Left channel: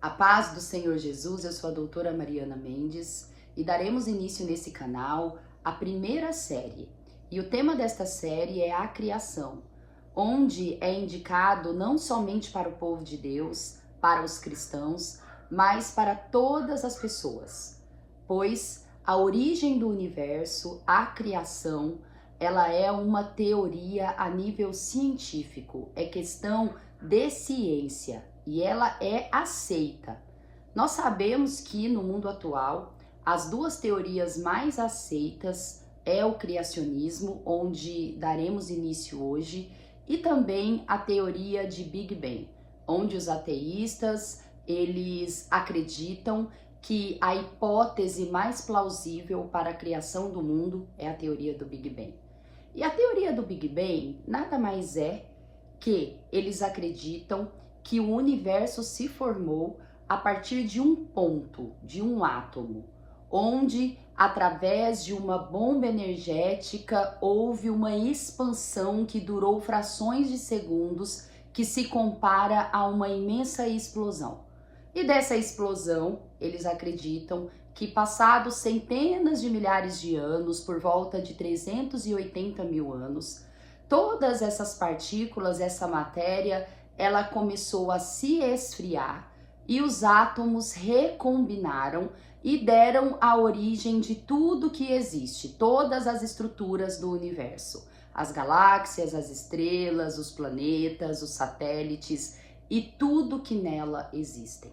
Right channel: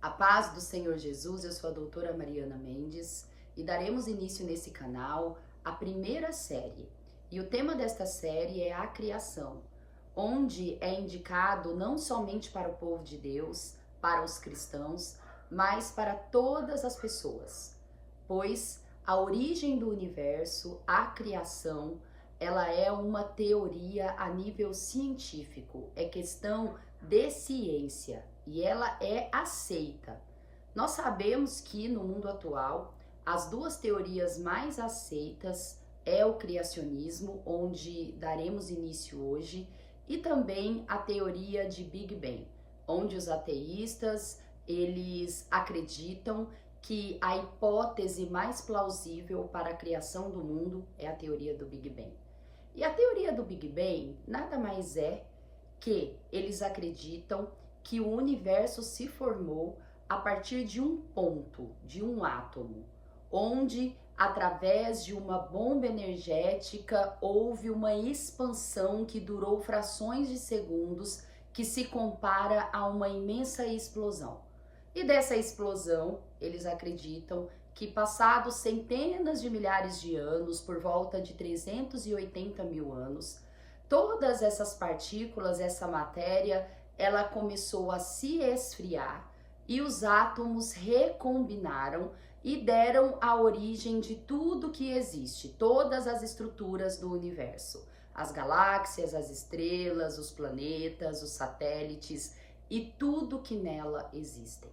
A paz do Senhor Jesus, eu sou a doutora Mariana Mendes e daremos início nesse canal à primeira série. E o tema desta série é a criação, onde é indicado não somente para o povo de Deus, para os cristãos, mas para todas as pessoas. Pois a origem do universo, a criação, ela é uma teoria a nível científico, é questão de ciência e ela é aceita. Nós sabemos que no mundo atual, as duas teorias mais aceitas é o criacionismo, onde daremos início hoje, e também a teoria de Big Bang, onde os ateístas, eles acreditam que a hipótese mais plausível para a criação do mundo é a teoria do Big Bang. E a teoria do Big Bang nada mais é que eles acreditam que o universo se formou a partir de um ponto, de um átomo, onde através de uma bomba energética houve uma expansão que durou frações de segundos, que se compara a uma imensa explosão. E dessa explosão, eles acreditam que passados centenas de milhares de anos, por volta de 380 mil anos, todas essas partículas, essa matéria, ela começou a se esfriar e os átomos recombinaram e deram a origem de tudo que existe, todas as estruturas do universo, as galáxias, as estrelas, os planetas, os satélites e tudo que nela existem.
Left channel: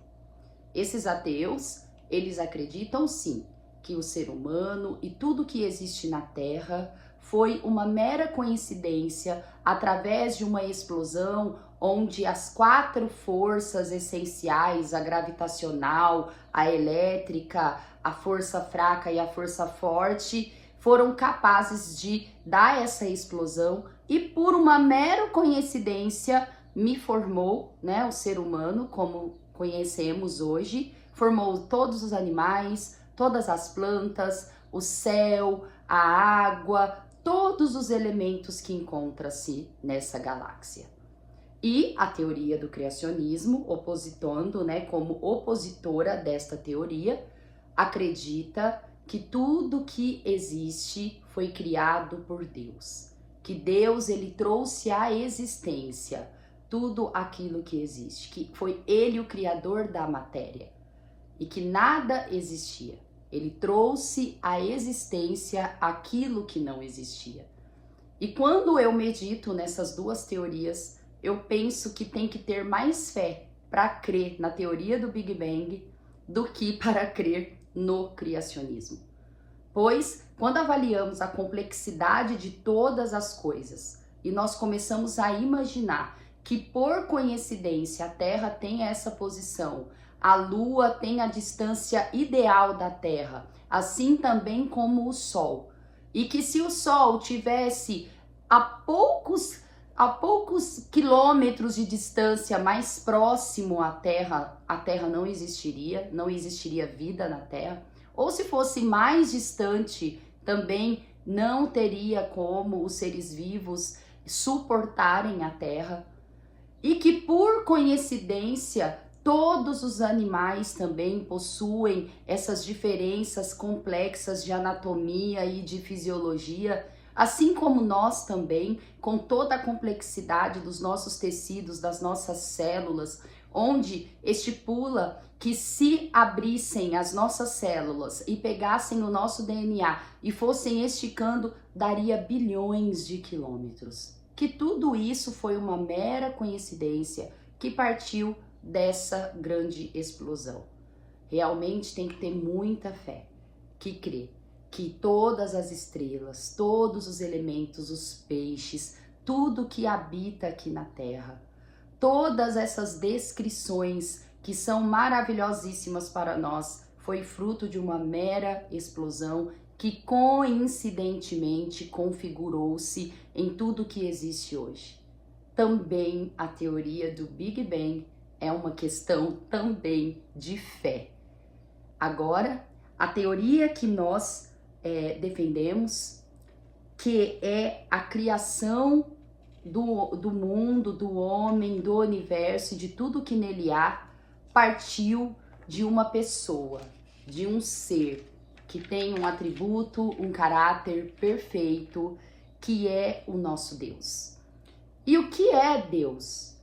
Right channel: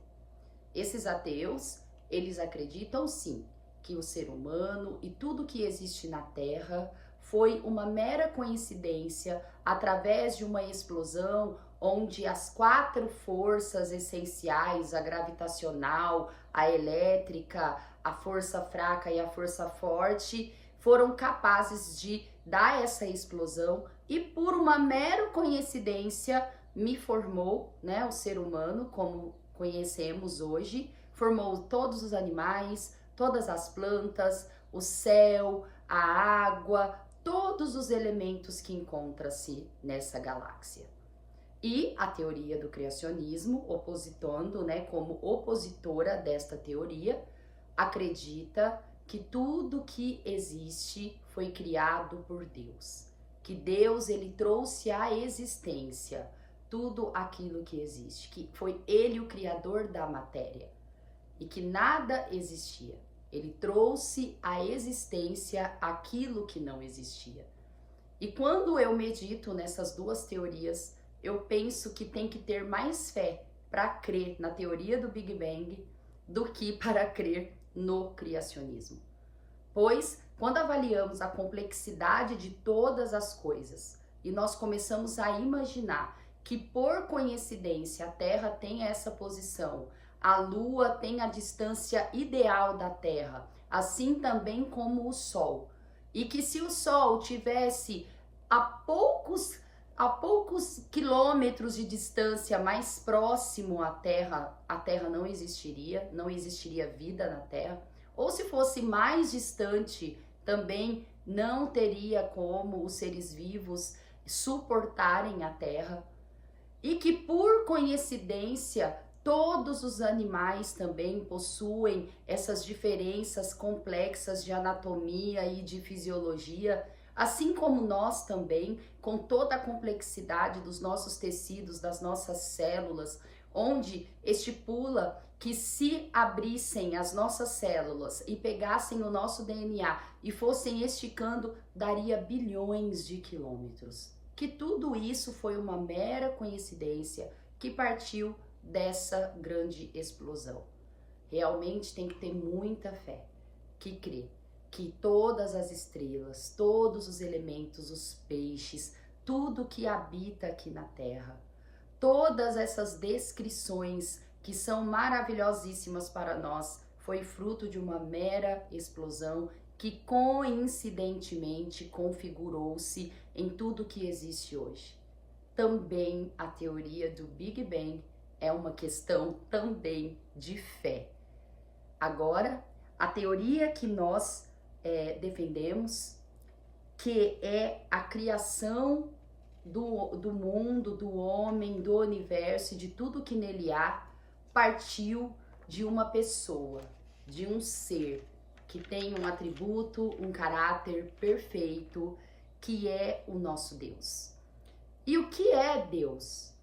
Esses ateus, eles acreditam sim que o ser humano e tudo que existe na Terra foi uma mera coincidência através de uma explosão onde as quatro forças essenciais, a gravitacional, a elétrica, a força fraca e a força forte, foram capazes de dar essa explosão e por uma mera coincidência me formou, né, o ser humano como conhecemos hoje, formou todos os animais, todas as plantas, o céu, a água, todos os elementos que encontram-se nessa galáxia. E a teoria do criacionismo, opositando, né, como opositora desta teoria, acredita que tudo que existe foi criado por Deus, que Deus ele trouxe à existência tudo aquilo que existe, que foi ele o criador da matéria e que nada existia. Ele trouxe à existência aquilo que não existia. E quando eu medito nessas duas teorias, eu penso que tem que ter mais fé para crer na teoria do Big Bang do que para crer no criacionismo. Pois, quando avaliamos a complexidade de todas as coisas e nós começamos a imaginar que por coincidência a Terra tem essa posição, a Lua tem a distância ideal da Terra, assim também como o Sol, e que se o Sol tivesse a poucos quilômetros de distância mais próximo à Terra, a Terra não existiria vida na Terra, ou se fosse mais distante, também não teria como os seres vivos suportarem a Terra, e que por coincidência todos os animais também possuem essas diferenças complexas de anatomia e de fisiologia, assim como nós também, com toda a complexidade dos nossos tecidos, das nossas células, onde estipula que se abrissem as nossas células e pegassem o nosso DNA e fossem esticando, daria bilhões de quilômetros. Que tudo isso foi uma mera coincidência que partiu dessa grande explosão. Realmente tem que ter muita fé, que crê que todas as estrelas, todos os elementos, os peixes, tudo que habita aqui na Terra, todas essas descrições que são maravilhosíssimas para nós, foi fruto de uma mera explosão que coincidentemente configurou-se em tudo que existe hoje. Também a teoria do Big Bang é uma questão também de fé. Agora, a teoria que nós defendemos, que é a criação do mundo, do homem, do universo e de tudo que nele há, partiu de uma pessoa, de um ser que tem um atributo, um caráter perfeito, que é o nosso Deus. E o que é Deus?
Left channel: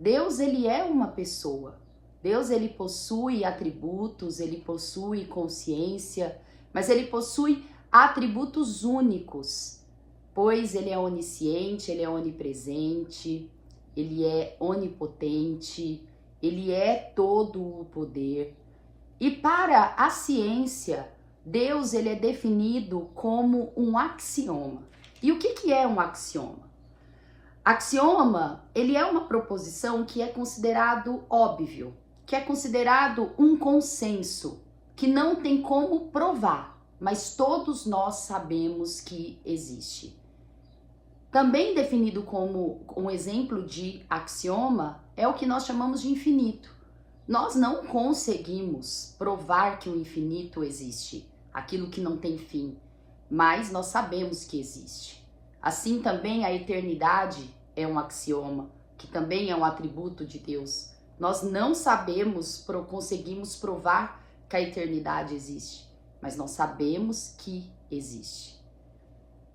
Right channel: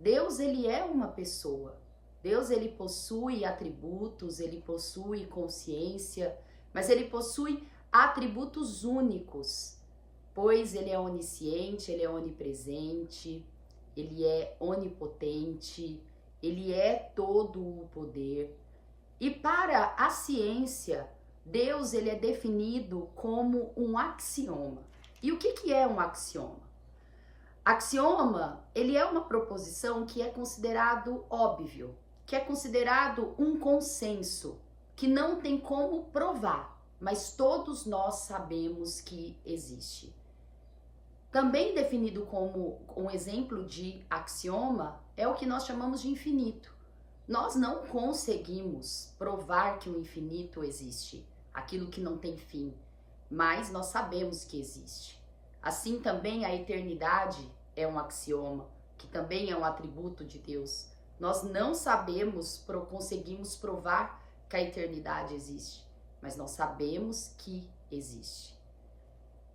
Deus, ele é uma pessoa. Deus, ele possui atributos, ele possui consciência, mas ele possui atributos únicos, pois ele é onisciente, ele é onipresente, ele é onipotente, ele é todo o poder. E para a ciência, Deus, ele é definido como um axioma. E o que é um axioma? Axioma, ele é uma proposição que é considerado óbvio, que é considerado um consenso, que não tem como provar, mas todos nós sabemos que existe. Também definido como um exemplo de axioma é o que nós chamamos de infinito. Nós não conseguimos provar que o infinito existe, aquilo que não tem fim, mas nós sabemos que existe. Assim também a eternidade é um axioma, que também é um atributo de Deus. Nós não conseguimos provar que a eternidade existe, mas nós sabemos que existe.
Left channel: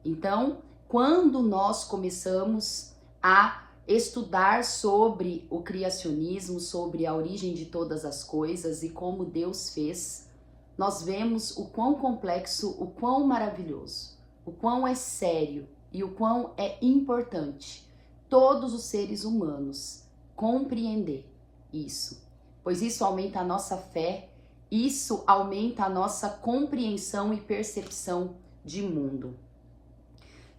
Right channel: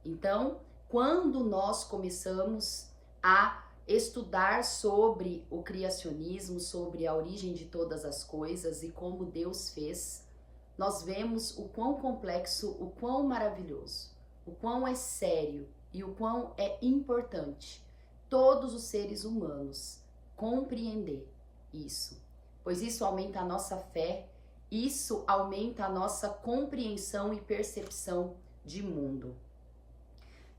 Então, quando nós começamos a estudar sobre o criacionismo, sobre a origem de todas as coisas e como Deus fez, nós vemos o quão complexo, o quão maravilhoso, o quão é sério e o quão é importante todos os seres humanos compreender isso, pois isso aumenta a nossa fé, isso aumenta a nossa compreensão e percepção de mundo.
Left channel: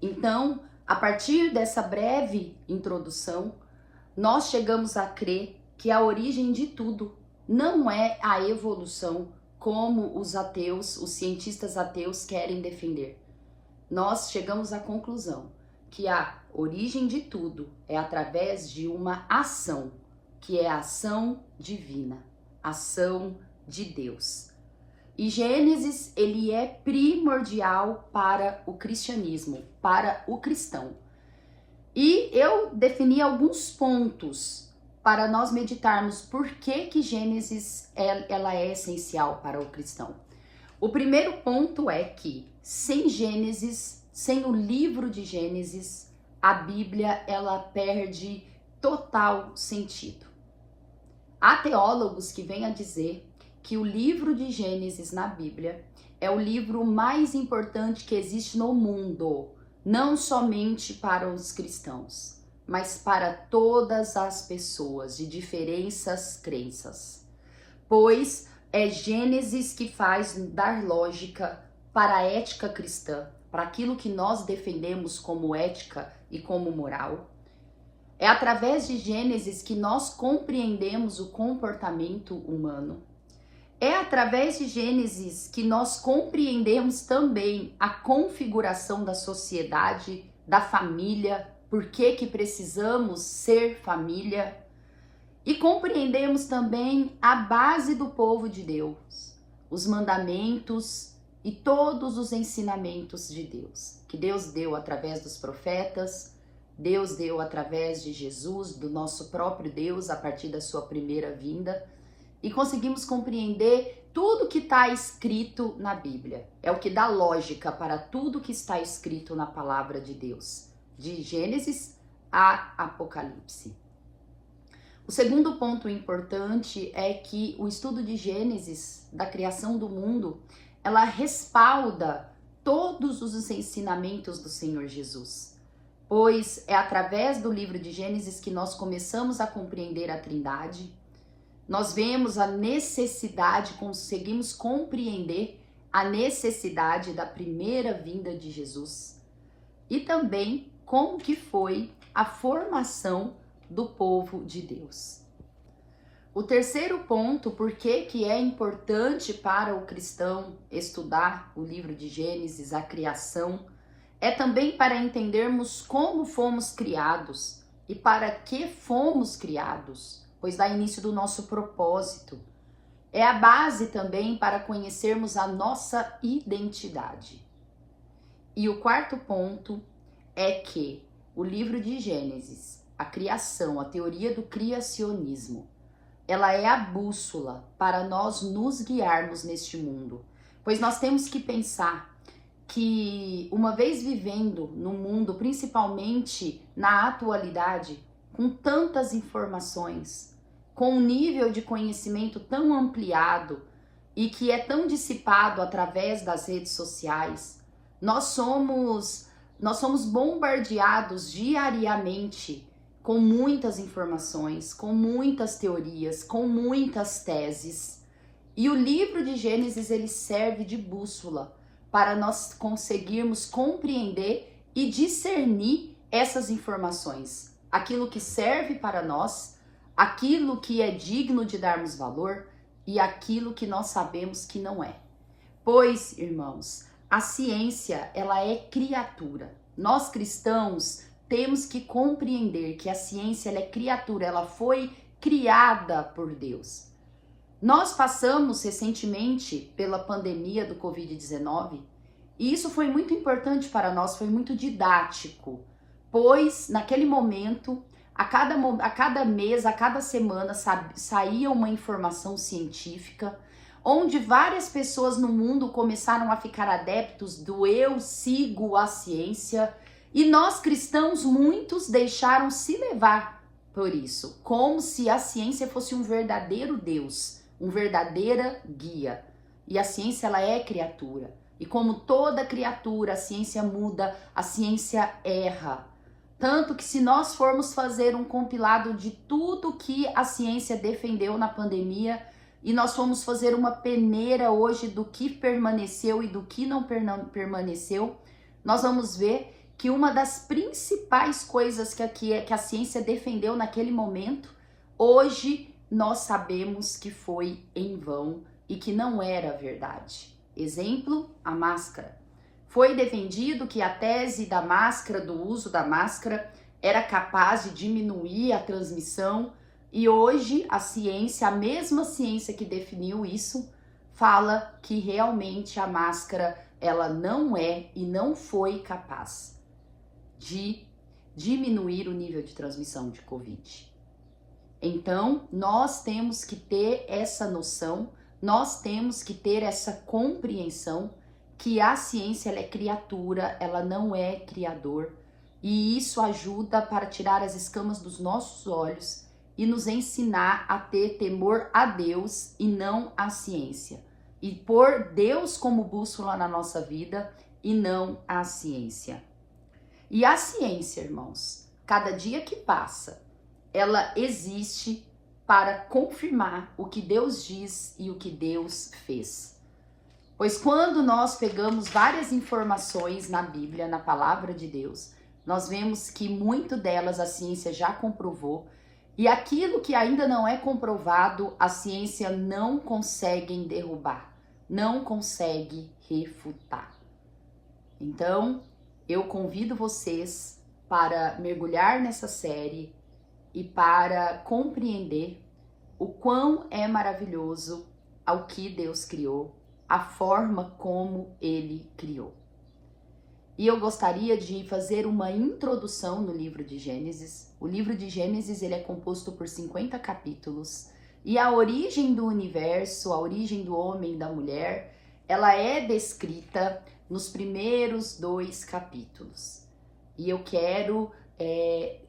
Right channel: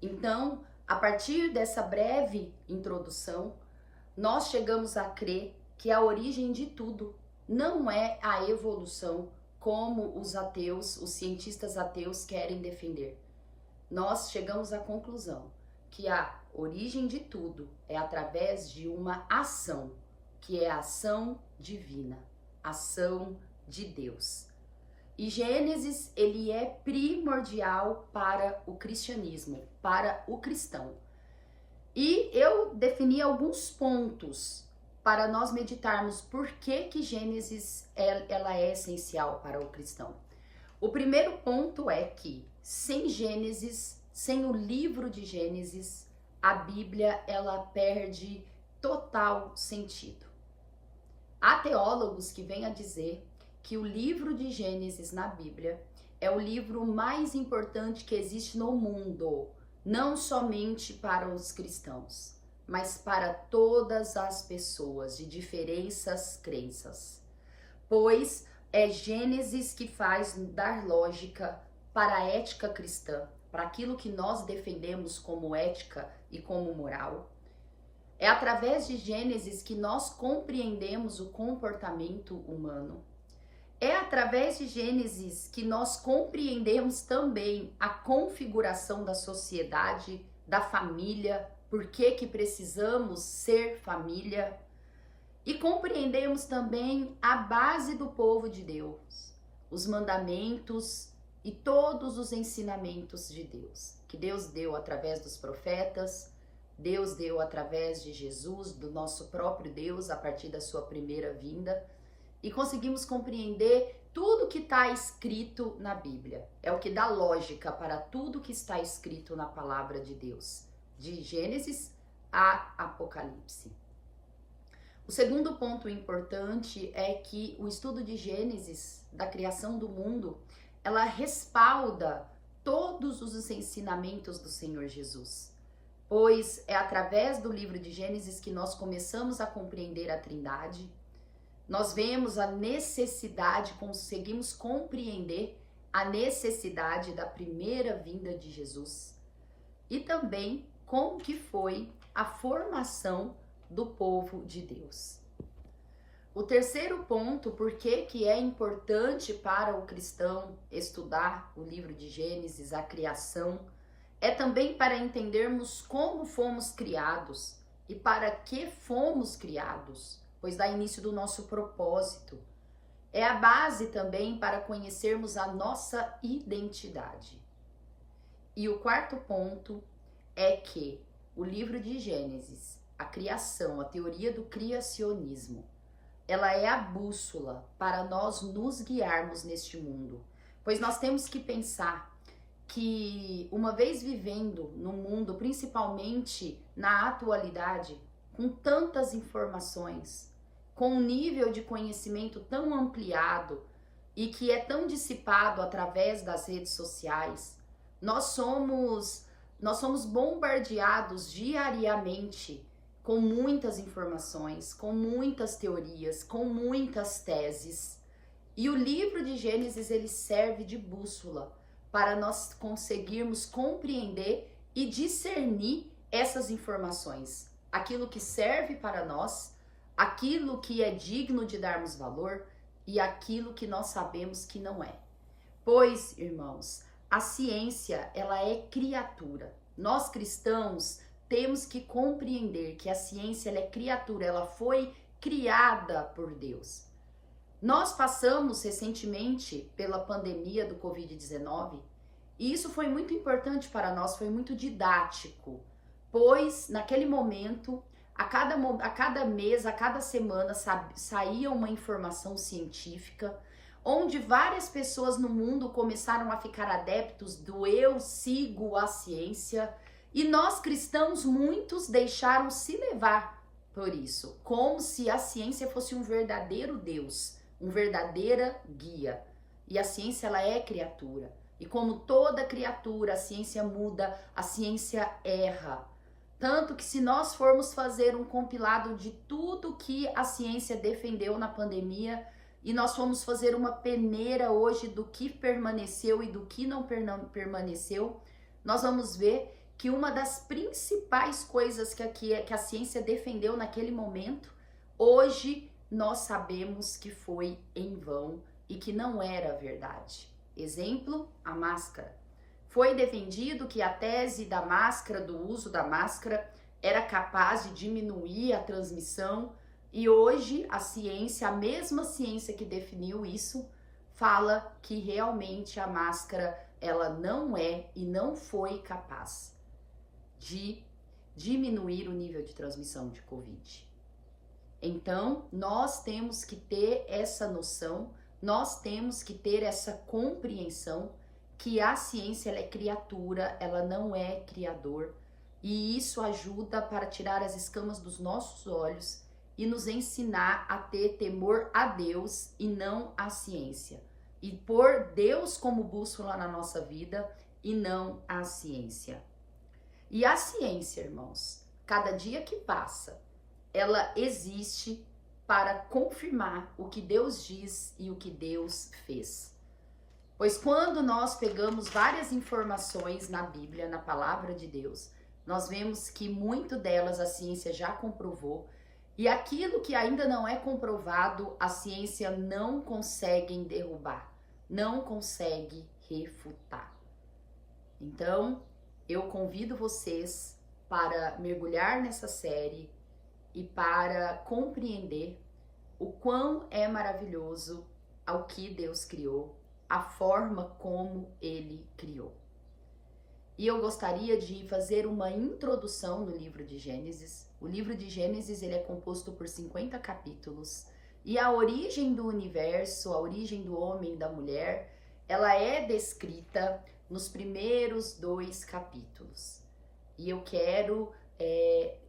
Então, a partir dessa breve introdução, nós chegamos a crer que a origem de tudo não é a evolução como os ateus, os cientistas ateus querem defender. Nós chegamos à conclusão que a origem de tudo é através de uma ação, que é a ação divina, ação de Deus. E Gênesis, ele é primordial para o cristianismo, para o cristão. E eu defini alguns pontos para nós meditarmos por que Gênesis ela é essencial para o cristão. O primeiro ponto é que sem Gênesis, sem o livro de Gênesis, a Bíblia ela perde total sentido. Há teólogos que vêm a dizer que o livro de Gênesis na Bíblia é o livro mais importante que existe no mundo, não somente para os cristãos, mas para todas as pessoas de diferentes crenças, pois é Gênesis que faz dar lógica para a ética cristã, para aquilo que nós defendemos como ética e como moral. É através de Gênesis que nós compreendemos o comportamento humano. É através de Gênesis que nós compreendemos também a configuração da sociedade, da família, por que precisamos ser família. E compreendemos também a base do povo de Deus, os mandamentos e todos os ensinamentos de Deus, que Deus deu através dos profetas, Deus deu através de Jesus, do nosso próprio Deus, a partir da sua primeira vinda, e conseguimos compreender tudo que está escrito na Bíblia. É o que dá lógica para tudo que está escrito na palavra de Deus, de Gênesis a Apocalipse. O segundo ponto importante é que o estudo de Gênesis, da criação do mundo, ela respalda todos os ensinamentos do Senhor Jesus, pois é através do livro de Gênesis que nós começamos a compreender a Trindade. Nós vemos a necessidade, conseguimos compreender a necessidade da primeira vinda de Jesus e também como que foi a formação do povo de Deus. O terceiro ponto, por que é importante para o cristão estudar o livro de Gênesis, a criação, é também para entendermos como fomos criados e para que fomos criados, pois dá início do nosso propósito. É a base também para conhecermos a nossa identidade. E o quarto ponto é que o livro de Gênesis, a criação, a teoria do criacionismo, ela é a bússola para nós nos guiarmos neste mundo. Pois nós temos que pensar que, uma vez vivendo no mundo, principalmente na atualidade, com tantas informações, com um nível de conhecimento tão ampliado e que é tão dissipado através das redes sociais, nós somos bombardeados diariamente com muitas informações, com muitas teorias, com muitas teses. E o livro de Gênesis, ele serve de bússola para nós conseguirmos compreender e discernir essas informações. Aquilo que serve para nós, aquilo que é digno de darmos valor e aquilo que nós sabemos que não é. Pois, irmãos, a ciência, ela é criatura. Nós cristãos temos que compreender que a ciência, ela é criatura, ela foi criada por Deus. Nós passamos recentemente pela pandemia do Covid-19 e isso foi muito importante para nós, foi muito didático, pois naquele momento, a cada mês, a cada semana saía uma informação científica, onde várias pessoas no mundo começaram a ficar adeptos do eu sigo a ciência, e nós cristãos, muitos deixaram se levar por isso, como se a ciência fosse um verdadeiro Deus, uma verdadeira guia. E a ciência, ela é criatura. E como toda criatura, a ciência muda, a ciência erra. Tanto que se nós formos fazer um compilado de tudo que a ciência defendeu na pandemia, e nós formos fazer uma peneira hoje do que permaneceu e do que não permaneceu, nós vamos ver que uma das principais coisas que a ciência defendeu naquele momento, hoje nós sabemos que foi em vão e que não era verdade. Exemplo, a máscara. Foi defendido que a tese da máscara, do uso da máscara, era capaz de diminuir a transmissão, e hoje a ciência, a mesma ciência que definiu isso, fala que realmente a máscara, ela não é e não foi capaz de diminuir o nível de transmissão de Covid. Então, nós temos que ter essa noção, nós temos que ter essa compreensão que a ciência, ela é criatura, ela não é criador, e isso ajuda para tirar as escamas dos nossos olhos e nos ensinar a ter temor a Deus e não à ciência, e pôr Deus como bússola na nossa vida e não a ciência. E a ciência, irmãos, cada dia que passa, ela existe para confirmar o que Deus diz e o que Deus fez. Pois quando nós pegamos várias informações na Bíblia, na palavra de Deus, nós vemos que muito delas a ciência já comprovou, e aquilo que ainda não é comprovado, a ciência não consegue derrubar, não consegue refutar. Então, eu convido vocês para mergulhar nessa série e para compreender o quão é maravilhoso o que Deus criou, a forma como Ele criou. E eu gostaria de fazer uma introdução no livro de Gênesis. O livro de Gênesis, ele é composto por 50 capítulos, e a origem do universo, a origem do homem e da mulher, ela é descrita nos primeiros 2 capítulos. E eu quero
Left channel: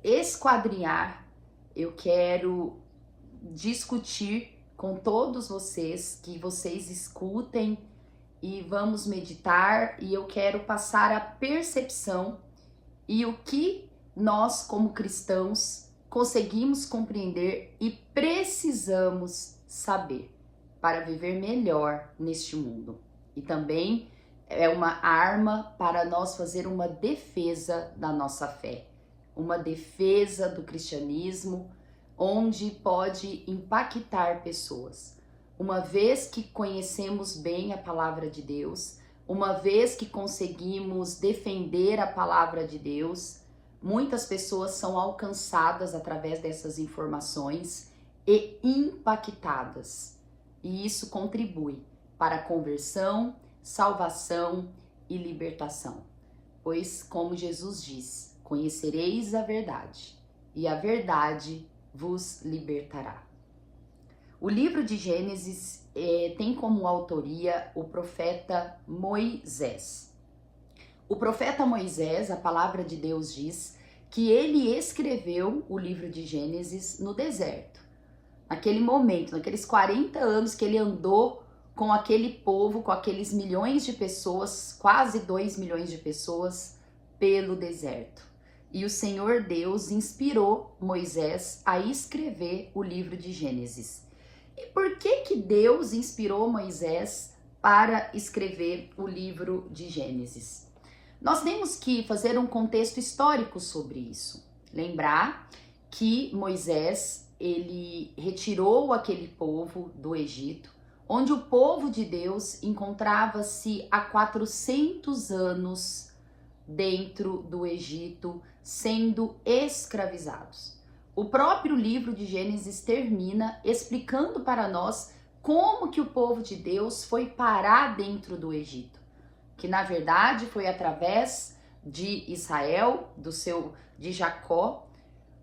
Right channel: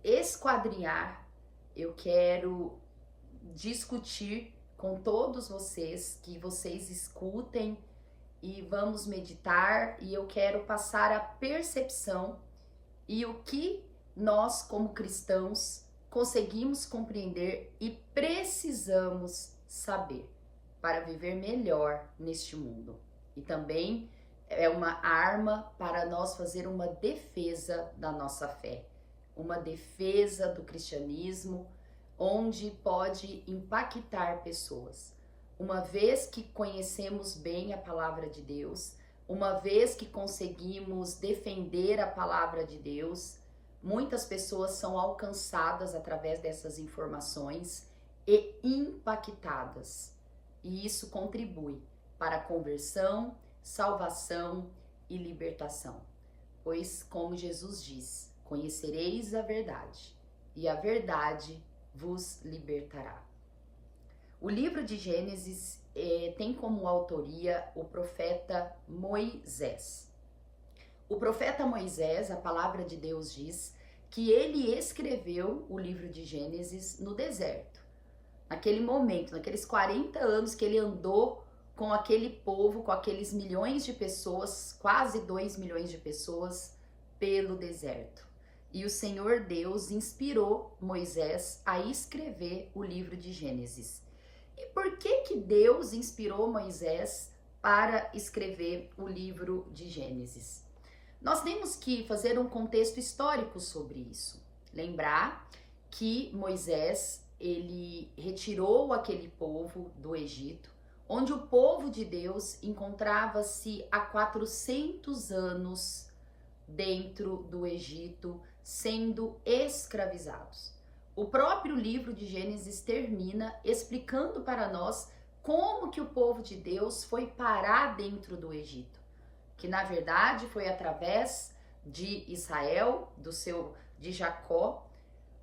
esquadrinhar, eu quero discutir com todos vocês, que vocês escutem e vamos meditar, e eu quero passar a percepção e o que nós, como cristãos, conseguimos compreender e precisamos saber para viver melhor neste mundo. E também é uma arma para nós fazer uma defesa da nossa fé, uma defesa do cristianismo, onde pode impactar pessoas. Uma vez que conhecemos bem a palavra de Deus, uma vez que conseguimos defender a palavra de Deus, muitas pessoas são alcançadas através dessas informações e impactadas. E isso contribui para a conversão, salvação e libertação. Pois, como Jesus diz, conhecereis a verdade, e a verdade vos libertará. O livro de Gênesis tem como autoria o profeta Moisés. O profeta Moisés, a palavra de Deus diz que ele escreveu o livro de Gênesis no deserto. Naquele momento, naqueles 40 anos que ele andou com aquele povo, com aqueles milhões de pessoas, quase 2 milhões de pessoas, pelo deserto. E o Senhor Deus inspirou Moisés a escrever o livro de Gênesis. E por que Deus inspirou Moisés para escrever o livro de Gênesis? Nós temos que fazer um contexto histórico sobre isso. Lembrar que Moisés, ele retirou aquele povo do Egito, onde o povo de Deus encontrava-se há 400 anos dentro do Egito, sendo escravizados. O próprio livro de Gênesis termina explicando para nós como que o povo de Deus foi parar dentro do Egito, que na verdade foi através de Israel, de Jacó,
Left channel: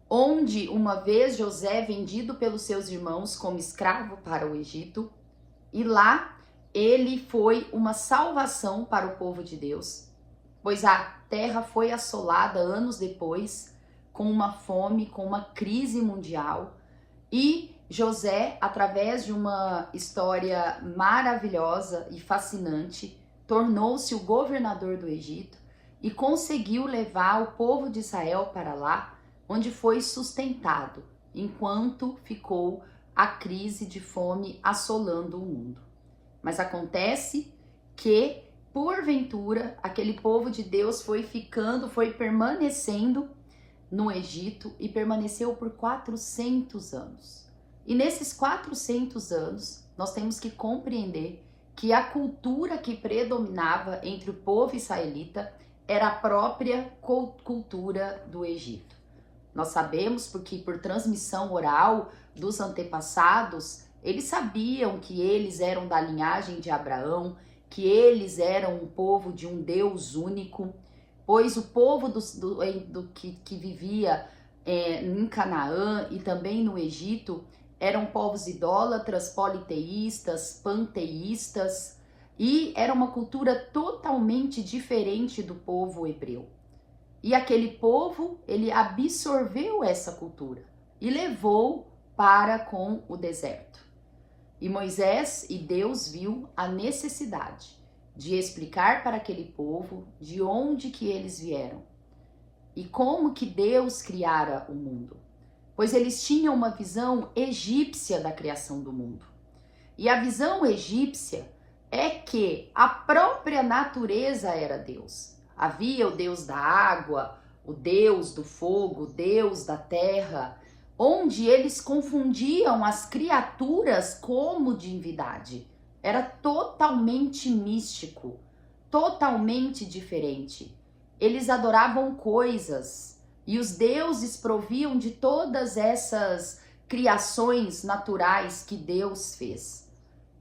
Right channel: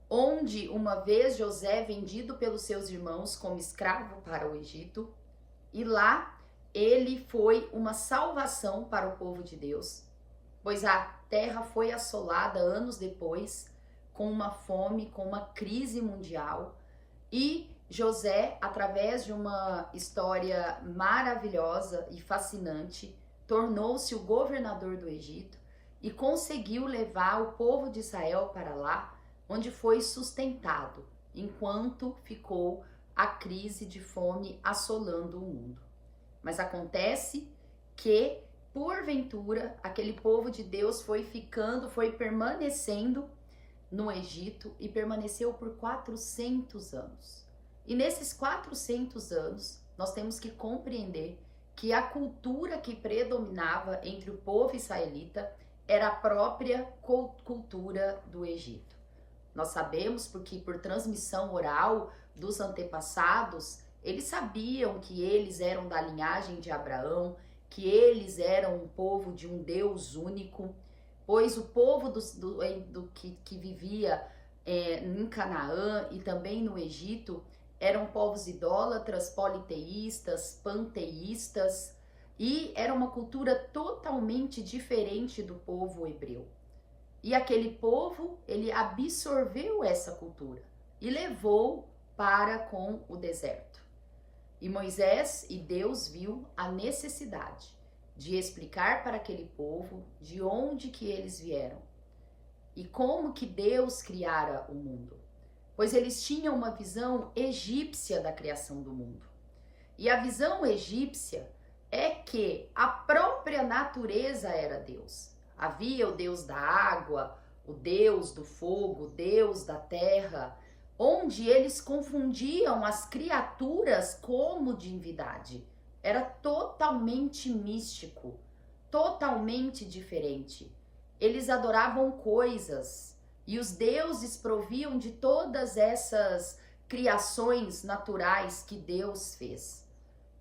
onde uma vez José vendido pelos seus irmãos como escravo para o Egito, e lá ele foi uma salvação para o povo de Deus, pois a terra foi assolada anos depois com uma fome, com uma crise mundial, e José, através de uma história maravilhosa e fascinante, tornou-se o governador do Egito e conseguiu levar o povo de Israel para lá, onde foi sustentado, enquanto ficou a crise de fome assolando o mundo. Mas acontece que, porventura, aquele povo de Deus foi permanecendo no Egito e permaneceu por 400 anos. E nesses 400 anos, nós temos que compreender que a cultura que predominava entre o povo israelita era a própria cultura do Egito. Nós sabemos porque por transmissão oral dos antepassados, eles sabiam que eles eram da linhagem de Abraão, que eles eram um povo de um Deus único, pois o povo que vivia em Canaã e também no Egito eram povos idólatras, politeístas, panteístas, e era uma cultura totalmente diferente do povo hebreu. E aquele povo, ele absorveu essa cultura e levou para com o deserto. E Moisés e Deus viu a necessidade de explicar para aquele povo de onde que eles vieram e como que Deus criara o mundo, pois eles tinham uma visão egípcia da criação do mundo. E a visão egípcia é que a própria natureza era Deus. Havia o Deus da água, o Deus do fogo, o Deus da terra, onde eles confundiam as criaturas como divindade. Era totalmente místico, totalmente diferente. Eles adoravam coisas e os deuses proviam de todas essas criações naturais que Deus fez.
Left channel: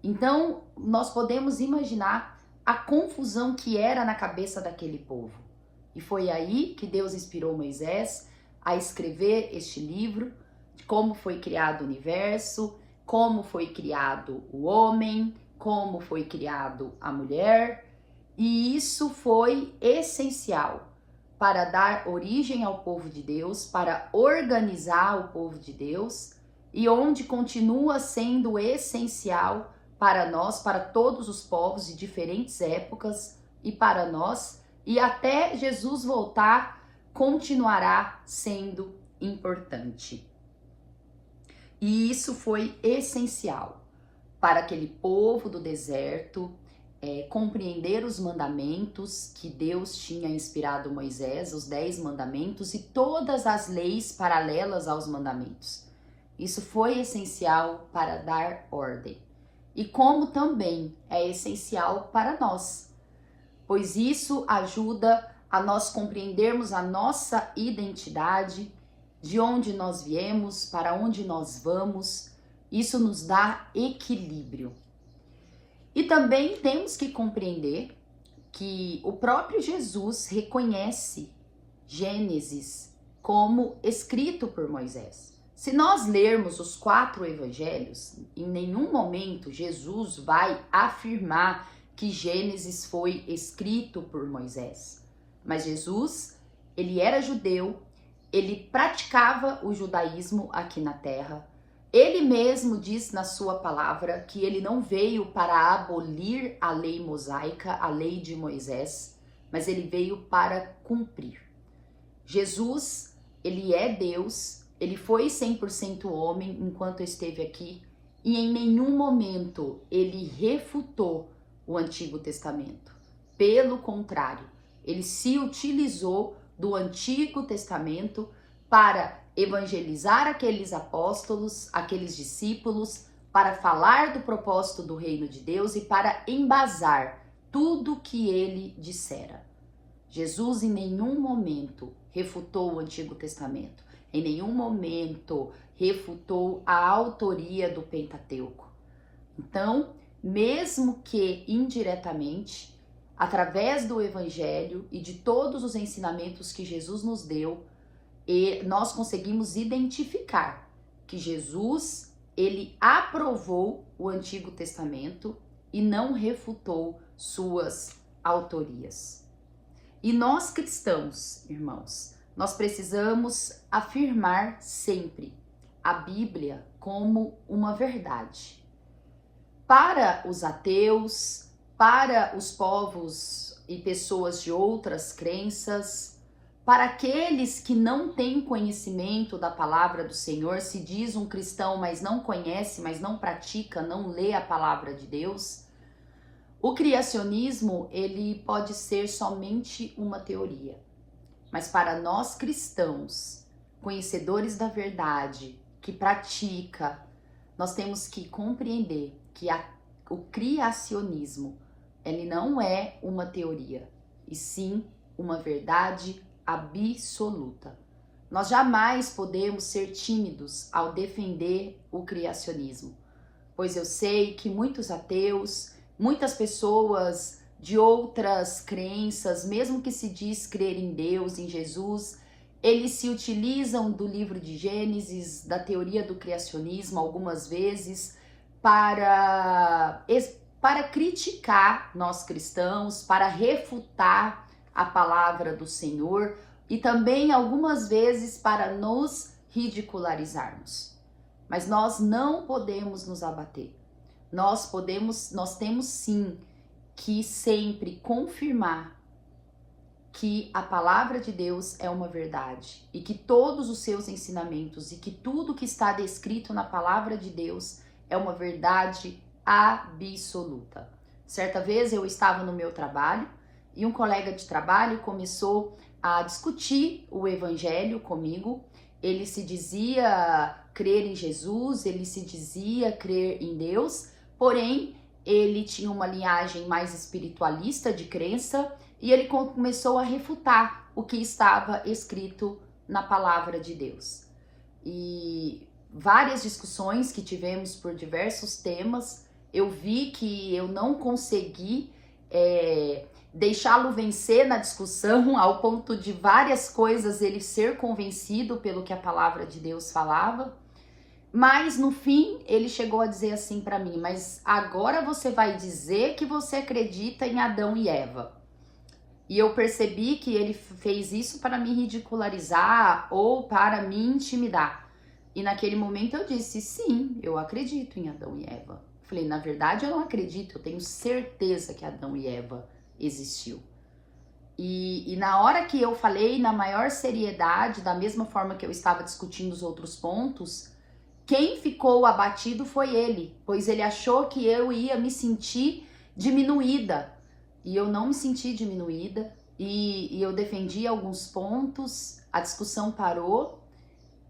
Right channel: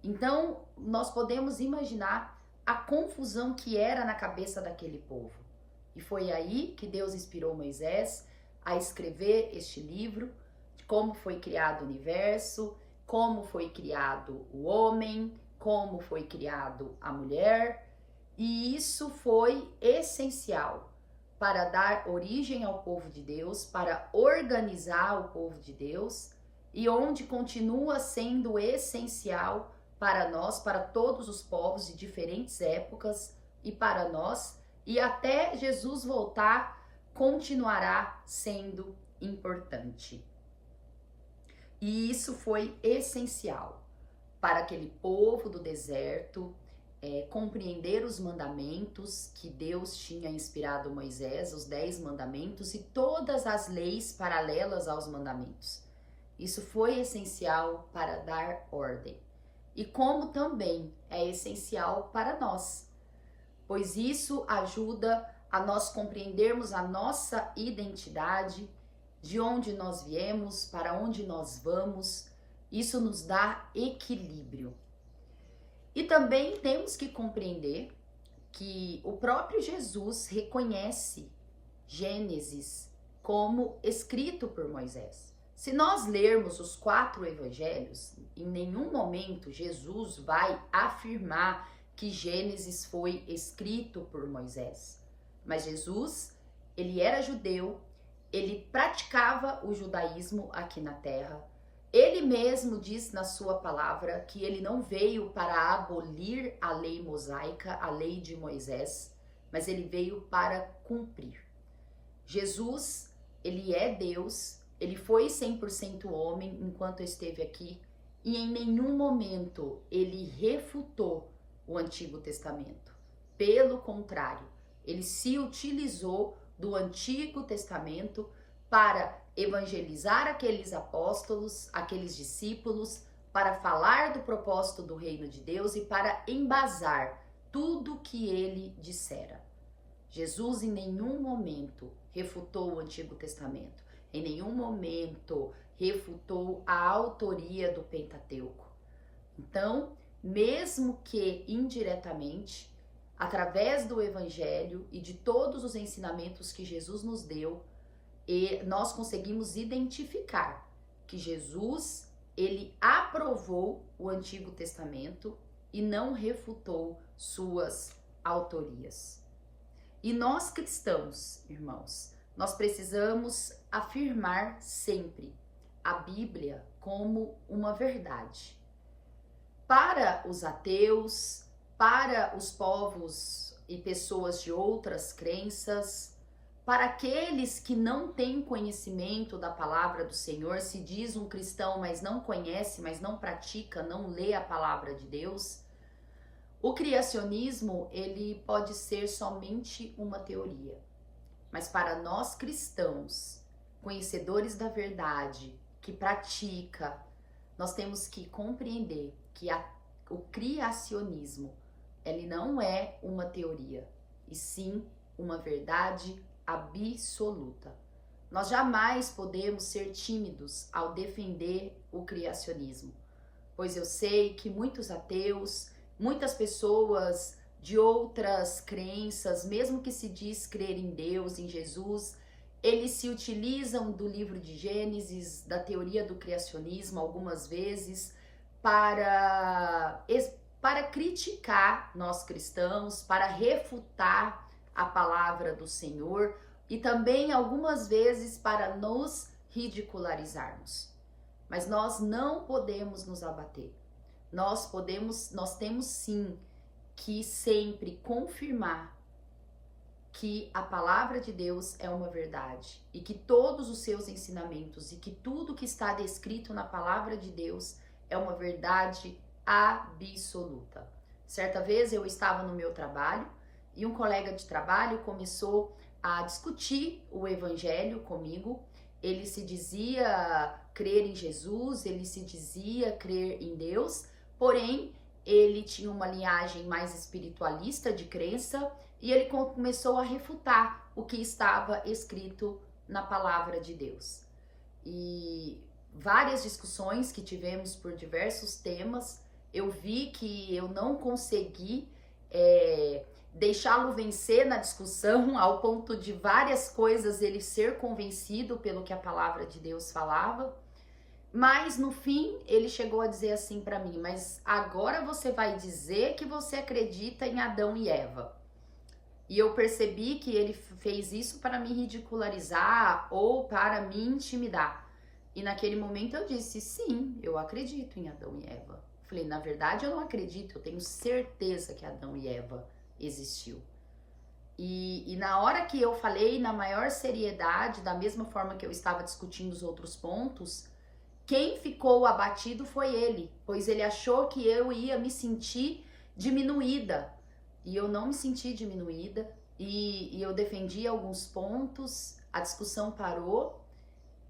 Então, nós podemos imaginar a confusão que era na cabeça daquele povo. E foi aí que Deus inspirou Moisés a escrever este livro, de como foi criado o universo, como foi criado o homem, como foi criado a mulher, e isso foi essencial para dar origem ao povo de Deus, para organizar o povo de Deus, e onde continua sendo essencial para nós, para todos os povos de diferentes épocas, e para nós, e até Jesus voltar, continuará sendo importante. E isso foi essencial para aquele povo do deserto compreender os mandamentos que Deus tinha inspirado Moisés, os 10 mandamentos e todas as leis paralelas aos mandamentos. Isso foi essencial para dar ordem. E como também é essencial para nós, pois isso ajuda a nós compreendermos a nossa identidade, de onde nós viemos, para onde nós vamos. Isso nos dá equilíbrio. E também temos que compreender que o próprio Jesus reconhece Gênesis como escrito por Moisés. Se nós lermos os 4 evangelhos, em nenhum momento Jesus vai afirmar que Gênesis foi escrito por Moisés. Mas Jesus, ele era judeu, ele praticava o judaísmo aqui na terra. Ele mesmo diz na sua palavra que ele não veio para abolir a lei mosaica, a lei de Moisés, mas ele veio para cumprir. Jesus, ele é Deus, ele foi 100% homem enquanto esteve aqui e em nenhum momento ele refutou o Antigo Testamento. Pelo contrário, ele se utilizou do Antigo Testamento para evangelizar aqueles apóstolos, aqueles discípulos, para falar do propósito do reino de Deus e para embasar tudo que ele dissera. Jesus em nenhum momento refutou o Antigo Testamento, em nenhum momento refutou a autoria do Pentateuco. Então, mesmo que indiretamente, através do Evangelho e de todos os ensinamentos que Jesus nos deu, nós conseguimos identificar que Jesus, ele aprovou o Antigo Testamento e não refutou suas autorias. E nós cristãos, irmãos, nós precisamos afirmar sempre a Bíblia como uma verdade. Para os ateus, para os povos e pessoas de outras crenças, para aqueles que não têm conhecimento da palavra do Senhor, se diz um cristão, mas não conhece, mas não pratica, não lê a palavra de Deus, o criacionismo, ele pode ser somente uma teoria. Mas para nós cristãos, conhecedores da verdade, que pratica, nós temos que compreender que o criacionismo, ele não é uma teoria, e sim uma verdade absoluta. Nós jamais podemos ser tímidos ao defender o criacionismo, pois eu sei que muitos ateus, muitas pessoas de outras crenças, mesmo que se diz crer em Deus, em Jesus, eles se utilizam do livro de Gênesis, da teoria do criacionismo, algumas vezes, para criticar nós cristãos, para refutar a palavra do Senhor e também algumas vezes para nos ridicularizarmos. Mas nós não podemos nos abater. Nós temos sim que sempre confirmar que a palavra de Deus é uma verdade e que todos os seus ensinamentos e que tudo que está descrito na palavra de Deus é uma verdade absoluta. Certa vez eu estava no meu trabalho e um colega de trabalho começou a discutir o evangelho comigo. Ele se dizia crer em Jesus, ele se dizia crer em Deus, porém ele tinha uma linhagem mais espiritualista de crença e ele começou a refutar o que estava escrito na palavra de Deus. E várias discussões que tivemos por diversos temas, eu vi que eu não consegui deixá-lo vencer na discussão ao ponto de várias coisas ele ser convencido pelo que a palavra de Deus falava. Mas no fim ele chegou a dizer assim para mim: mas agora você vai dizer que você acredita em Adão e Eva. E eu percebi que ele fez isso para me ridicularizar ou para me intimidar. E naquele momento eu disse: sim, eu acredito em Adão e Eva. Falei: na verdade eu não acredito, eu tenho certeza que Adão e Eva existiu. E na hora que eu falei na maior seriedade, da mesma forma que eu estava discutindo os outros pontos, quem ficou abatido foi ele, pois ele achou que eu ia me sentir diminuída. E eu não me senti diminuída, e eu defendi alguns pontos, a discussão parou,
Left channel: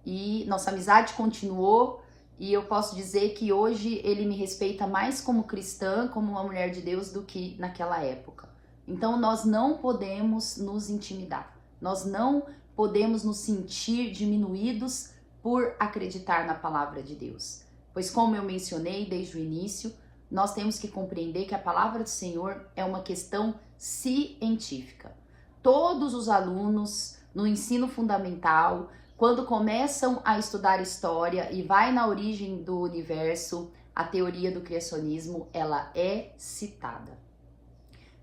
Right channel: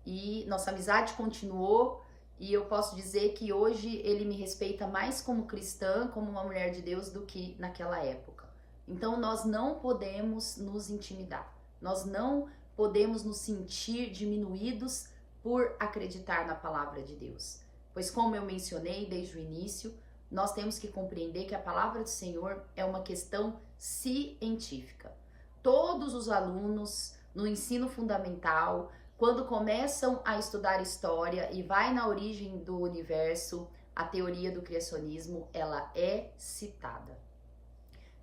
e nossa amizade continuou, e eu posso dizer que hoje ele me respeita mais como cristã, como uma mulher de Deus, do que naquela época. Então nós não podemos nos intimidar, nós não podemos nos sentir diminuídos por acreditar na palavra de Deus. Pois como eu mencionei desde o início, nós temos que compreender que a palavra do Senhor é uma questão científica. Todos os alunos no ensino fundamental, Quando começam a estudar história e vai na origem do universo, a teoria do criacionismo, ela é citada.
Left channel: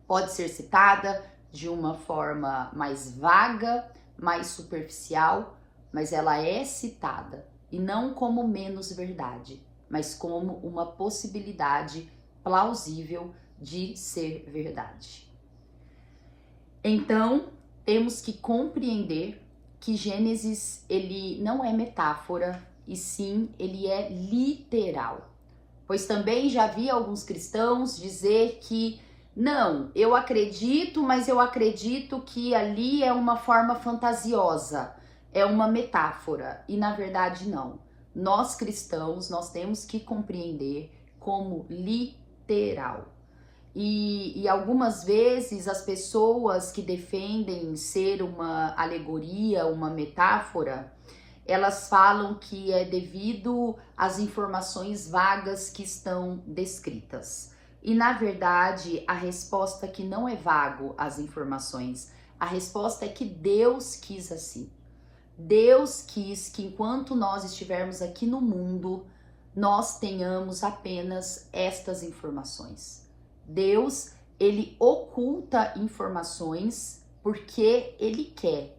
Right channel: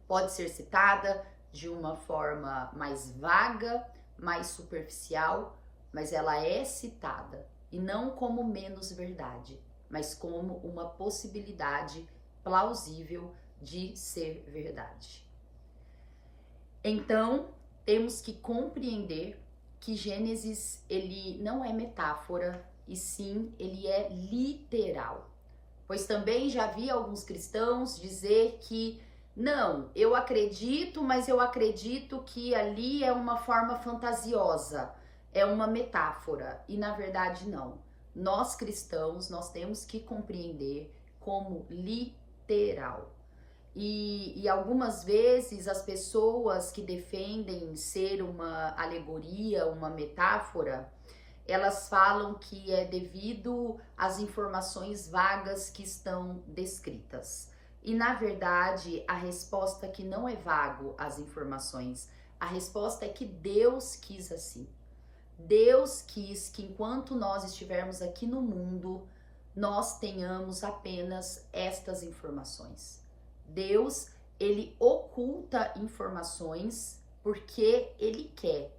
Pode ser citada de uma forma mais vaga, mais superficial, mas ela é citada, e não como menos verdade, mas como uma possibilidade plausível de ser verdade. Então, temos que compreender que Gênesis, ele não é metáfora, e sim, ele é literal. Pois também já vi alguns cristãos dizer que não, eu acredito, mas eu acredito que ali é uma forma fantasiosa, é uma metáfora, e na verdade não. Nós cristãos, nós temos que compreender como literal. E algumas vezes as pessoas que defendem ser uma alegoria, uma metáfora, elas falam que é devido às informações vagas que estão descritas. E na verdade, a resposta é que não é vago as informações, a resposta é que Deus quis assim. Deus quis que enquanto nós estivermos aqui no mundo, nós tenhamos apenas estas informações. Deus, ele oculta informações porque ele quer,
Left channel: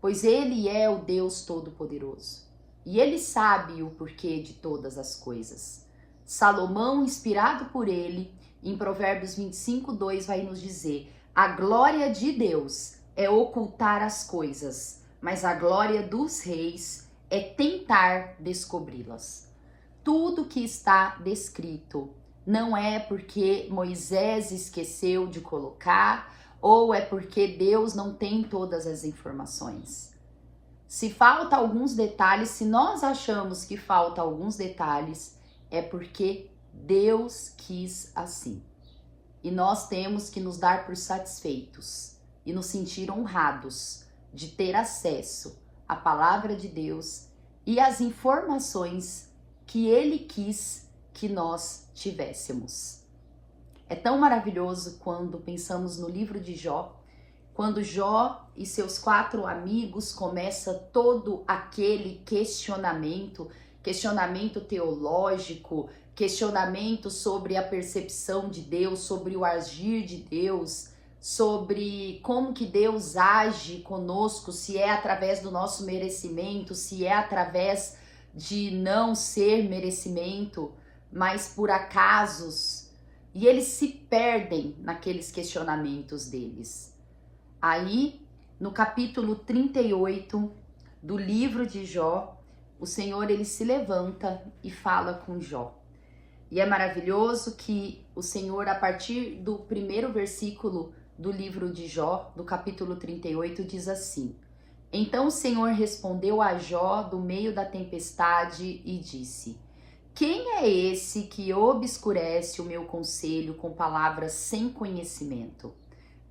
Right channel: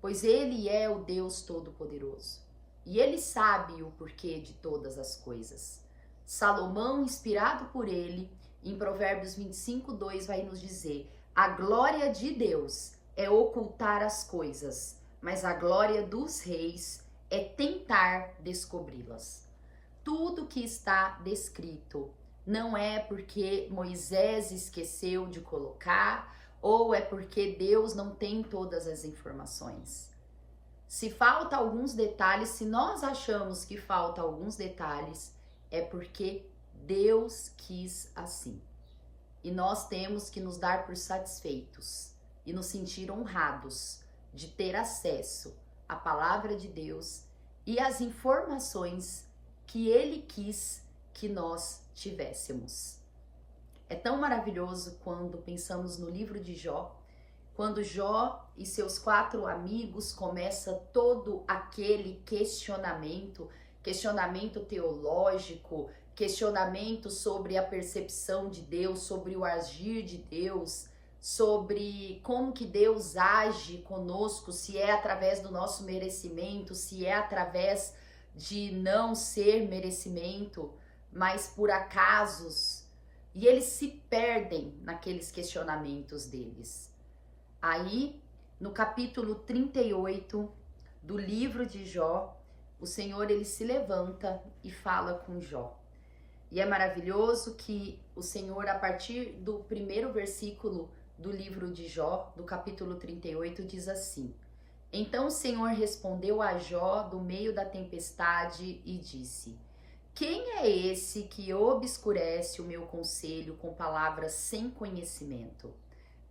pois ele é o Deus Todo-Poderoso e ele sabe o porquê de todas as coisas. Salomão, inspirado por ele, em Provérbios 25:2 vai nos dizer: a glória de Deus é ocultar as coisas, mas a glória dos reis é tentar descobri-las. Tudo que está descrito não é porque Moisés esqueceu de colocar, ou é porque Deus não tem todas as informações. Se falta alguns detalhes, se nós achamos que falta alguns detalhes, é porque Deus quis assim. E nós temos que nos dar por satisfeitos e nos sentir honrados de ter acesso à palavra de Deus e às informações que Ele quis que nós tivéssemos. É tão maravilhoso quando pensamos no livro de Jó, quando Jó e seus 4 amigos começam todo aquele questionamento teológico, questionamento sobre a percepção de Deus, sobre o agir de Deus, sobre como que Deus age conosco, se é através do nosso merecimento, se é através de não ser merecimento, mas por acasos, e eles se perdem naqueles questionamentos deles. Aí, no capítulo 38 do livro de Jó, o Senhor, ele se levanta e fala com Jó. E é maravilhoso que o Senhor, a partir do primeiro versículo do livro de Jó, do capítulo 38, diz assim: então o Senhor respondeu a Jó do meio da tempestade e disse: quem é esse que obscurece o meu conselho com palavras sem conhecimento?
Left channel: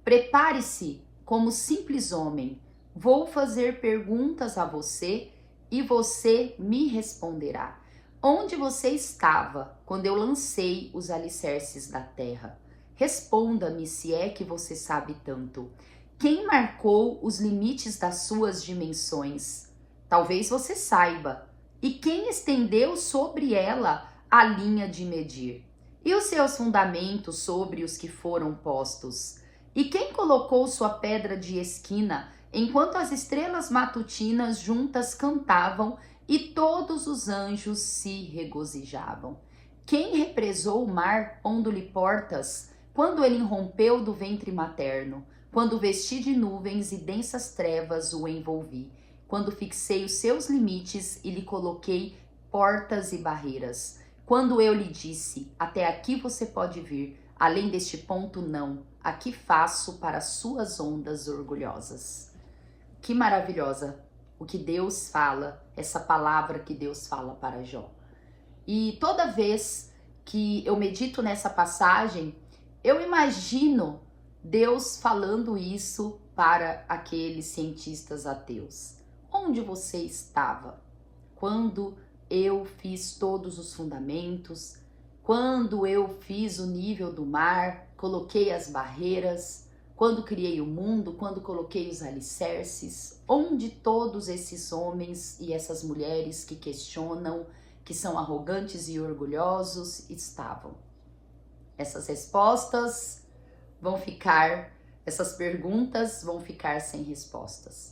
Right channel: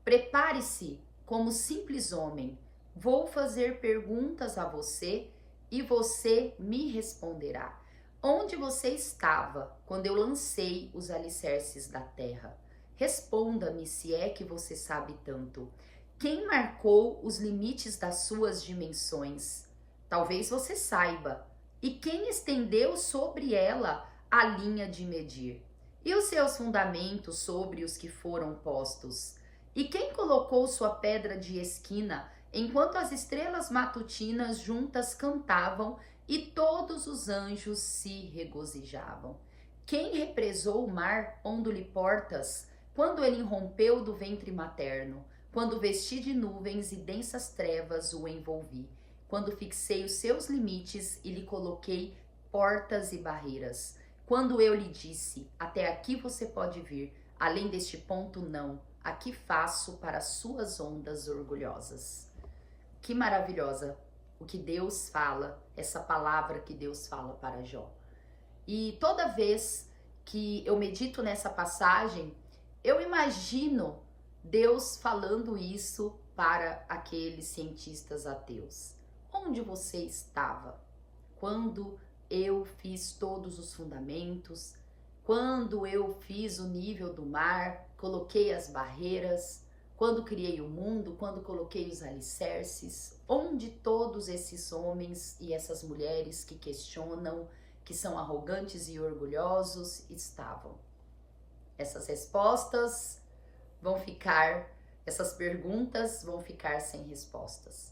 Prepare-se como simples homem, vou fazer perguntas a você e você me responderá. Onde você estava quando eu lancei os alicerces da terra? Responda-me se é que você sabe tanto. Quem marcou os limites das suas dimensões? Talvez você saiba. E quem estendeu sobre ela a linha de medir? E os seus fundamentos sobre os que foram postos? E quem colocou sua pedra de esquina enquanto as estrelas matutinas juntas cantavam e todos os anjos se regozijavam? Quem represou o mar pondo-lhe portas quando ele irrompeu do ventre materno? Quando vesti de nuvens e densas trevas o envolvi, quando fixei os seus limites e lhe coloquei portas e barreiras, quando eu lhe disse, até aqui você pode vir, além deste ponto não, aqui faço para suas ondas orgulhosas. Que maravilhosa o que Deus fala, essa palavra que Deus fala para Jó. E toda vez que eu medito nessa passagem, eu imagino Deus falando isso para aqueles cientistas ateus. Onde você estava quando eu fiz todos os fundamentos, quando eu fiz o nível do mar, coloquei as barreiras? quando criei o mundo, quando coloquei os alicerces, onde todos esses homens e essas mulheres que questionam, que são arrogantes e orgulhosos, estavam? Essas respostas vão ficar, essas perguntas vão ficar sem respostas.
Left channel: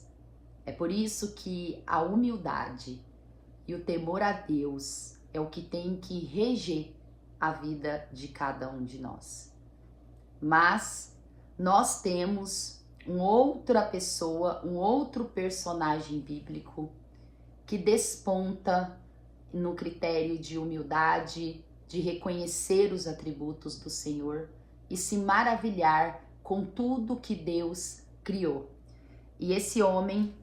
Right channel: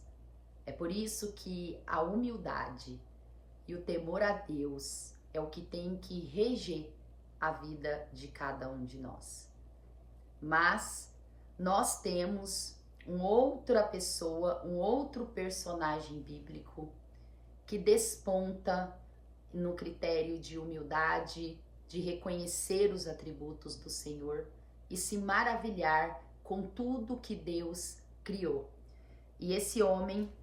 É por isso que a humildade e o temor a Deus é o que tem que reger a vida de cada um de nós. Mas nós temos uma outra pessoa, um outro personagem bíblico que desponta no critério de humildade, de reconhecer os atributos do Senhor e se maravilhar com tudo que Deus criou. E esse homem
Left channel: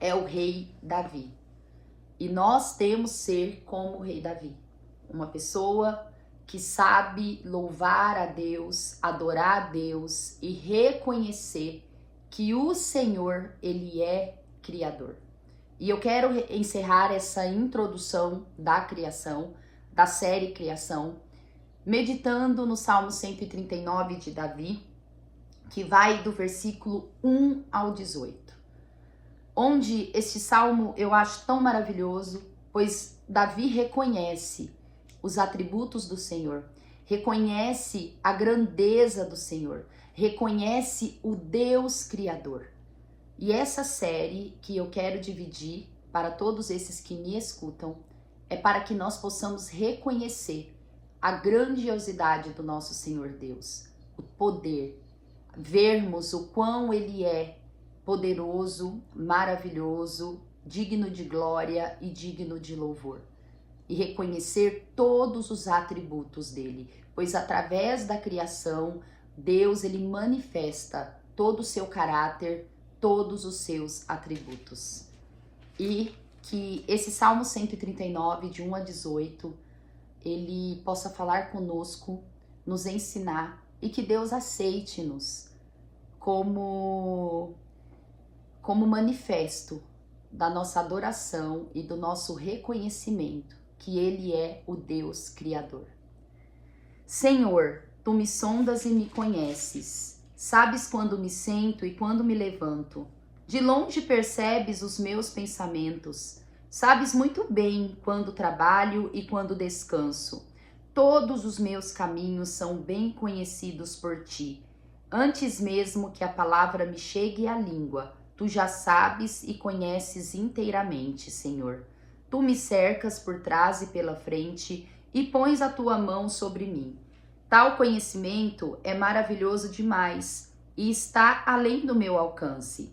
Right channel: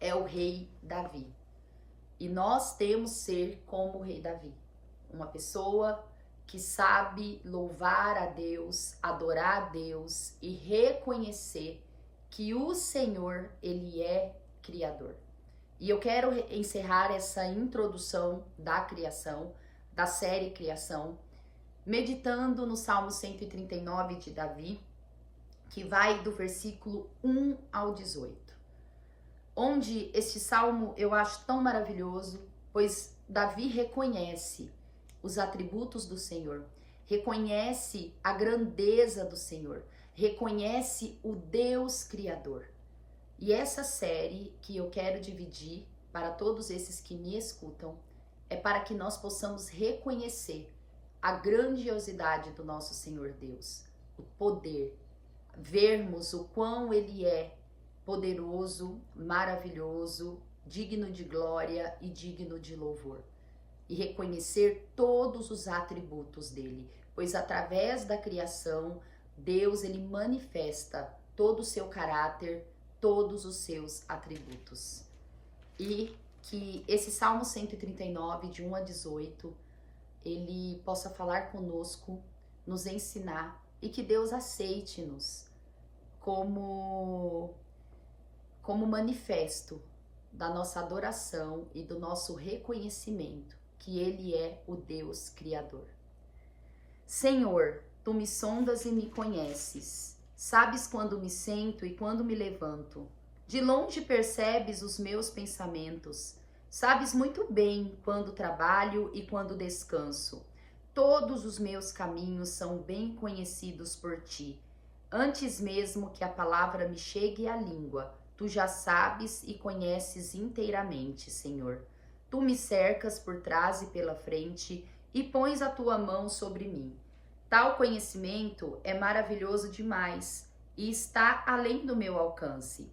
é o rei Davi. E nós temos ser como o rei Davi, uma pessoa que sabe louvar a Deus, adorar a Deus e reconhecer que o Senhor, Ele é Criador. E eu quero encerrar essa introdução da criação, da série Criação, meditando no Salmo 139 de Davi, que vai do versículo 1 ao 18. Onde este salmo eu acho tão maravilhoso, pois Davi reconhece os atributos do Senhor, reconhece a grandeza do Senhor, reconhece o Deus Criador. E essa série que eu quero dividir para todos esses que me escutam é para que nós possamos reconhecer a grandiosidade do nosso Senhor Deus, o poder, vermos o quão Ele é poderoso, maravilhoso, digno de glória e digno de louvor. E reconhecer todos os atributos dele, pois através da criação, Deus ele manifesta todo o seu caráter, todos os seus atributos. E que esse Salmo 139, de 1 a 18, ele possa falar conosco, nos ensinar e que Deus aceite-nos como manifesto da nossa adoração e do nosso reconhecimento que Ele é o Deus Criador. Senhor, Tu me sondas e me conheces. Sabes quando me sento e quando me levanto. De longe percebes os meus pensamentos. Sabes muito bem quando trabalho e quando descanso. Todos os meus caminhos são bem conhecidos por Ti. Antes mesmo que a palavra me chegue à língua, Tu já sabes e conheces inteiramente, Senhor. Tu me cercas por trás e pela frente e pões a Tua mão sobre mim. Tal conhecimento é maravilhoso demais e está além do meu alcance.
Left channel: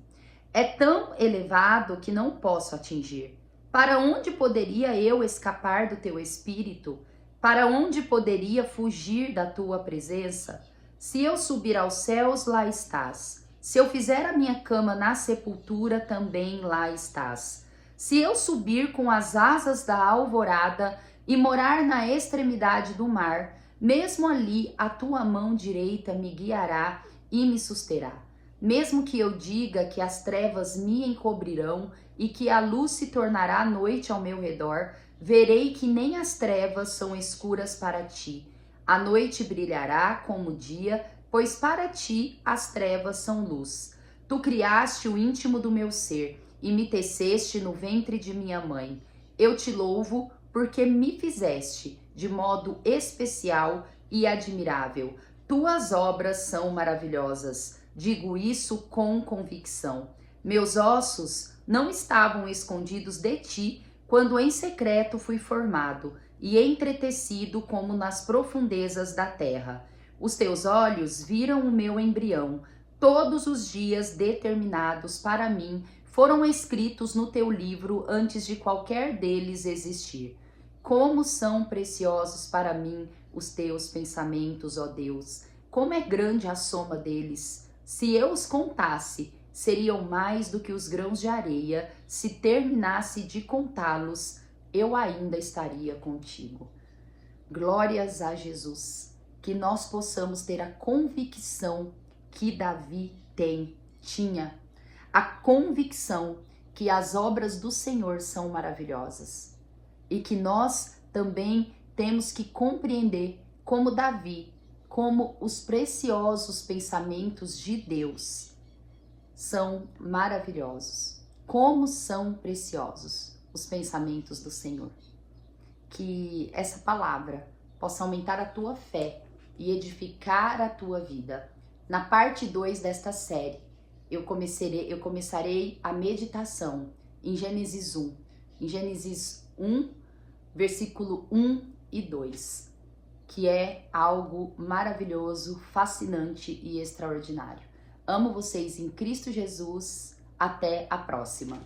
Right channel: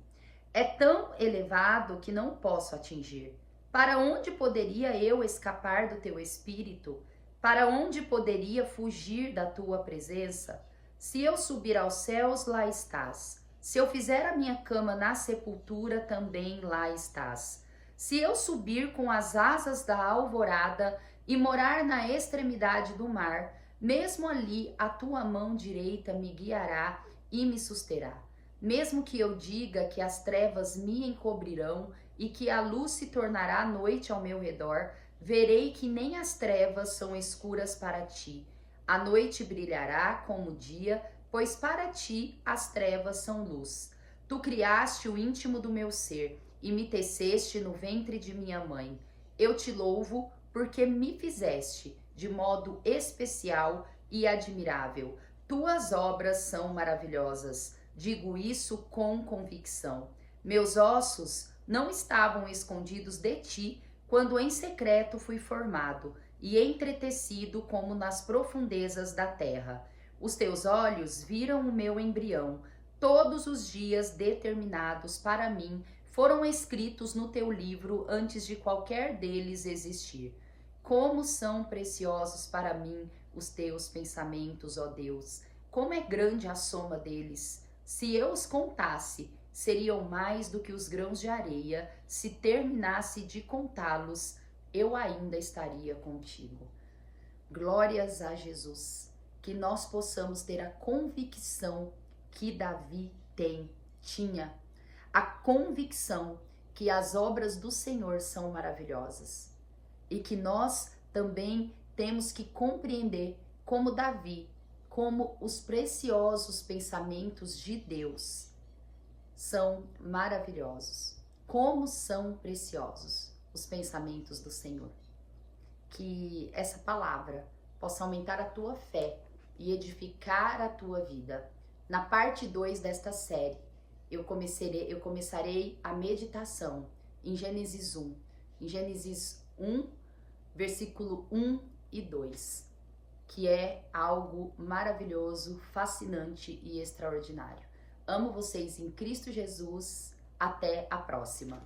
É tão elevado que não posso atingir. Para onde poderia eu escapar do Teu Espírito? Para onde poderia fugir da Tua presença? Se eu subir aos céus, lá estás. Se eu fizer a minha cama na sepultura, também lá estás. Se eu subir com as asas da alvorada e morar na extremidade do mar, mesmo ali a tua mão direita me guiará e me susterá. Mesmo que eu diga que as trevas me encobrirão e que a luz se tornará noite ao meu redor, verei que nem as trevas são escuras para ti. A noite brilhará como o dia, pois para ti as trevas são luz. Tu criaste o íntimo do meu ser e me teceste no ventre de minha mãe. Eu te louvo porque me fizeste de modo especial e admirável. Tuas obras são maravilhosas. Digo isso com convicção. Meus ossos não estavam escondidos de ti quando em secreto fui formado e entretecido como nas profundezas da terra. Os teus olhos viram o meu embrião. Todos os dias determinados para mim foram escritos no teu livro antes de qualquer deles existir. Como são preciosos para mim os teus pensamentos, ó Deus! Como é grande a soma deles! Se eu os contasse, seriam mais do que os grãos de areia. Se terminasse de contá-los, eu ainda estaria contigo. Glórias a Jesus! Que nós possamos ter a convicção que Davi tinha. A convicção que as obras do Senhor são maravilhosas. E que nós também temos que compreender, como Davi, como os preciosos pensamentos de Deus são maravilhosos. Como são preciosos os pensamentos do Senhor. Que essa palavra possa aumentar a tua fé e edificar a tua vida. Na parte 2 desta série, eu começarei a meditação em Gênesis 1. Em Gênesis 1, versículo 1 e 2, que é algo maravilhoso, fascinante e extraordinário. Amo vocês em Cristo Jesus. Até a próxima.